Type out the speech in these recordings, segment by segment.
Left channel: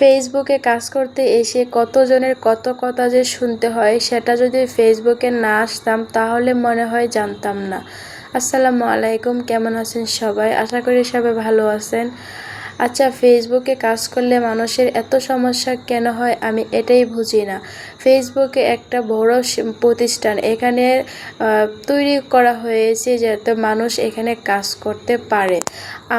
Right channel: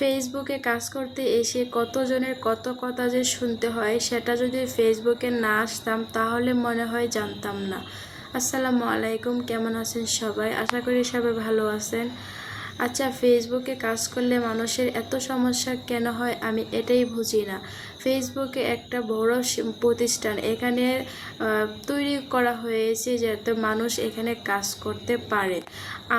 ফেসবুকে কাজ করতে এসে কতজনের কত কথা যে শুনতে হয়, সেটা যদি ফেসবুকে না আসতাম তাহলে মনে হয় জানতাম না। আসসালামু আলাইকুম, কেমন আছেন সবাই? আশা করি সবাই ভালো আছেন। আচ্ছা, ফেসবুকে কাজ করলে মানুষের এত সমস্যা কেন হয় আমি এটাই বুঝি না। ফেসবুকে একটা বড় প্রতিষ্ঠান, এখানে তৈরি করা হয়েছে যাতে মানুষ এখানে কাজ করতে পারে।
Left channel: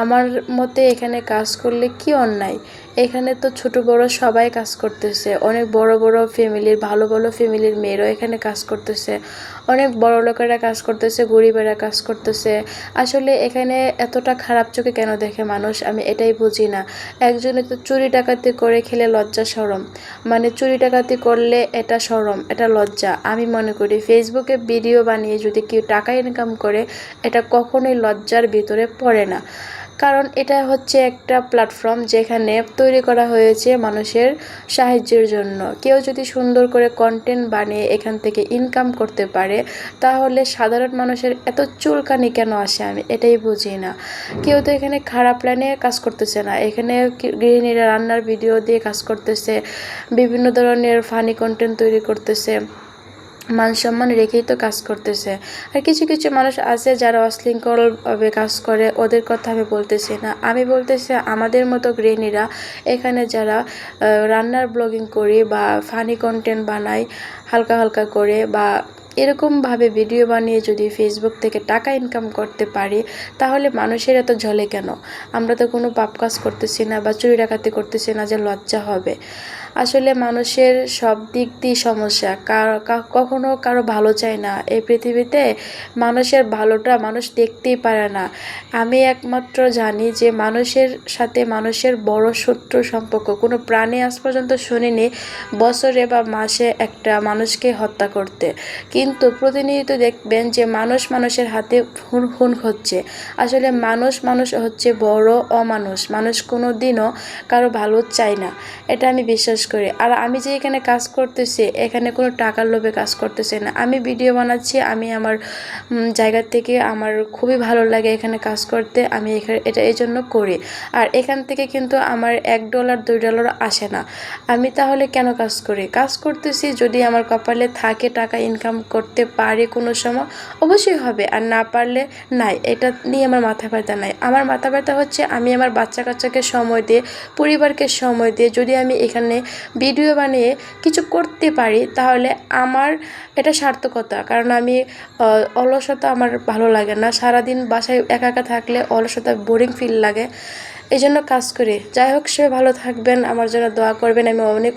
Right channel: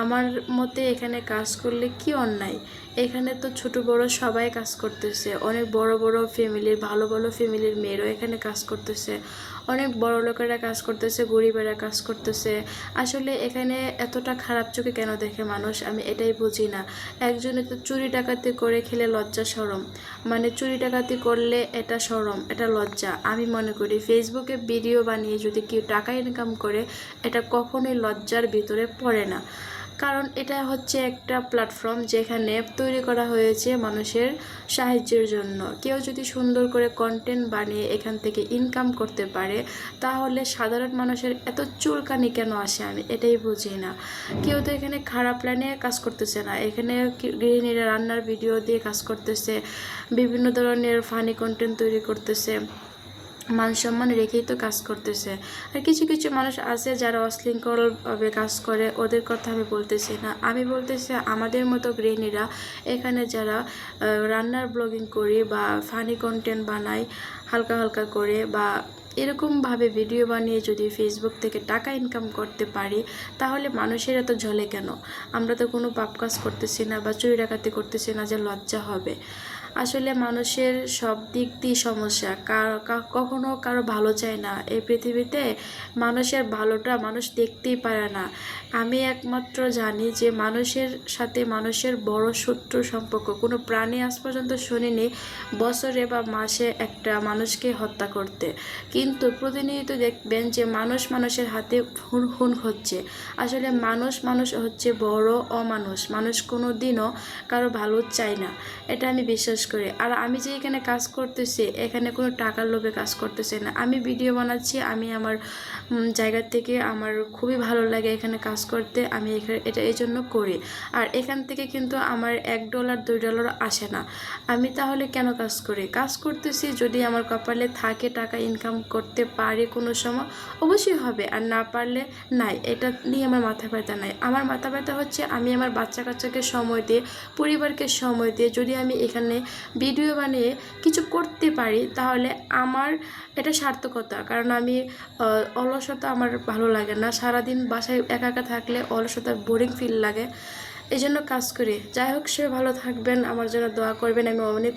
আমার মতে এখানে কাজ করলে কি অন্যায়? এখানে তো ছোট বড় সবাই কাজ করতেছে, অনেক বড় বড় ফ্যামিলির ভালো ভালো ফ্যামিলির মেয়েরাও এখানে কাজ করতেছে, অনেক বড় লোকেরা কাজ করতেছে, গরিবেরা কাজ করতেছে। আসলে এখানে এতটা খারাপ চোখে কেন দেখে মানুষ, আমি এটাই বুঝি না। একজনে তো চুরি ডাকাতি করে খেলে লজ্জা শরম, মানে চুরি ডাকাতি করলে এটা শরম, এটা লজ্জা। আমি মনে করি ফেসবুকে ভিডিও বানিয়ে যদি কেউ টাকা ইনকাম করে, এটা কখনোই লজ্জার ভিতরে পড়ে না। কারণ এটা হচ্ছে একটা প্ল্যাটফর্ম যেখানে তৈরি করা হয়েছে মানুষের সাহায্যের জন্য। কেউ যদি সুন্দর করে কন্টেন্ট বানিয়ে এখান থেকে ইনকাম করতে পারে, তাহলে সাধারণ মানুষের এত চুলকানি কেন আসে আমি এটাই বুঝি না। কেউ তো এখানে খারাপ লাইনে কাজ করতেছে না, এখানে গৃহিণীরা রান্নার ভিডিও দিয়ে কাজ করতেছে, বিভিন্ন ধরনের ফানি কন্টেন্ট তৈরি করতেছে, মান সম্মান রেখেই তো কাজ করতেছে। আর কিছু কিছু মানুষ আছে যারা অশৃঙ্খলভাবে কাজ করে, ওদের কথা আমি বলতেছি না। আমি বলতেছি আমাদের মতো গৃহিণীরা এখানে যারা রান্নার ব্লগিং করি বা ফানি কন্টেন্ট বানাই হালকা হালকা করে, বা এরকমভাবে ভিডিও বানিয়ে যদি ফেসবুক থেকে টাকা ইনকাম করতে পারি, তাহলে মানুষের এত ঝলে কেন? আমরা তো কোনো পাপ কাজ করতেছি না বা চুরি ডাকাতি করতেছি না যে লজ্জা হবে। আসলে মানুষের সব দিক দিয়ে সমস্যা, কখনো কারো ভালো চায় না এই পৃথিবীতে। মানুষের ভালোটা মানুষ দেখতেই পারে না। আমি একমাত্র জানি যে মানুষের সাথে মানুষের বড় শত্রু সম্পর্ক কোনো প্রাণী আজ পর্যন্ত শুনিনি বছরে বা মাসে একটা মানুষকে হত্যা করতে। কিন্তু প্রতিনিয়ত দেখবেন যে মানুষ মানুষের হাতে খুন হচ্ছে। আসলে মানুষ হচ্ছে বড় অমানুষ। মানুষ কোনো দিনও কারো ভালো চায় না, এটা আমি বিশ্বাস করি। আর আমি যে এখানে কাজ করতেছি, এখানে কোনো টাকার লোভে কাজ করতেছি না। আমি ভিডিও বানাচ্ছি, আমি আমার জায়গা থেকে আমার খুবই ভালো লাগে এখানে কাজ করতে, আমি এখানে এটা এই জন্য করি। আর এখান থেকে কিন্তু আমার $1 $2 আসে না। আমি তাহলে কেন কাজ করি? কাজ করতেছি, যদি আমার কপালে থাকে টাকা ইনকাম করতে পারি কোনো সময়, অবশ্যই হবে, আর না পারলে নাই। এটা নিয়ে আমার মাথা ব্যথা নাই। আমার মাথা ব্যথা হচ্ছে আমি আমার বাচ্চা কাচ্চাকে সময় দিয়ে, পরিবারকে সময় দিয়ে যদি আমি এখানে ভিডিও বানিয়ে কিছু করতে পারি, তাহলে আমার এটা সার্থকতা। কারণ আমি অলসতা আমার ভালো লাগে না। সারাদিন বাসায় একা একা থাকলে অলসতা, বোরিং ফিল লাগে, এই জন্য কাজ করি। যাই হোক, সে ভালো থাকবেন, আমার জন্য দোয়া করবেন। আমি অনেক